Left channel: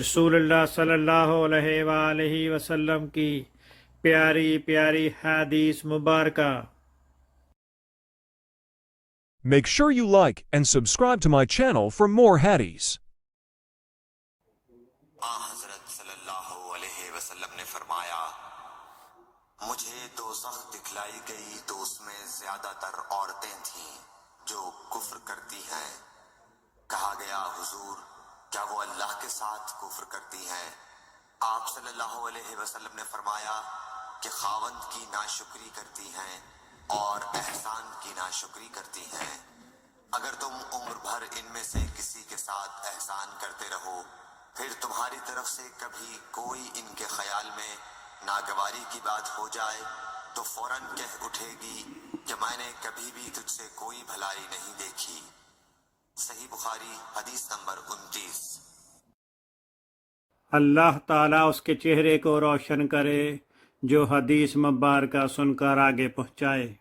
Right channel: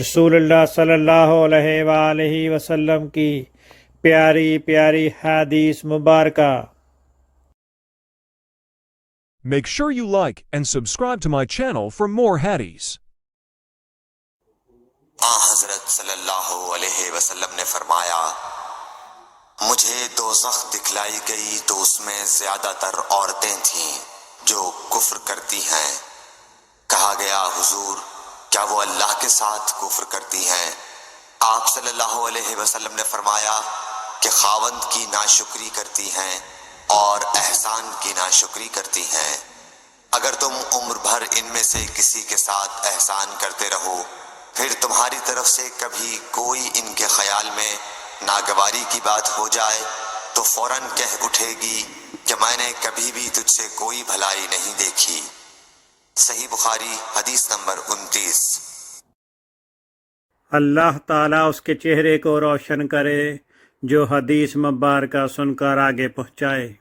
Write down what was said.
رسول اللہ صلی اللہ علیہ وآلہ وسلم کی پیاری پیاری حدیث مبارکہ۔ Make sure you like and subscribe to my channel for more hadiths. حضرت صلی اللہ علیہ وسلم نے فرمایا، مجھے دوزخ دکھلائی گئی تو اس میں زیادہ تر عورتیں تھیں جو کفر کرتی ہیں۔ کہا گیا حضور کیا وہ اللہ کے ساتھ کفر کرتی ہیں؟ آپ صلی اللہ علیہ وسلم نے فرمایا کہ خاوند کی ناشکری کرتی ہیں اور احسان کی ناشکری کرتی ہیں۔ اگر تم عمر بھر ان میں سے کسی کے ساتھ احسان کرتے رہو، پھر تمہاری طرف سے کبھی کوئی ان کے خیال میں ناگواری کی بات ہو جائے تو فوراً کہہ اٹھے گی کہ میں نے کبھی بھی تجھ سے کوئی بھلائی نہیں دیکھی۔ صحیح بخاری حدیث نمبر 29۔ اللہ تعالیٰ اس کے چہرے کو روشن کرے جو حدیث مبارکہ سن کر آگے پہنچائے۔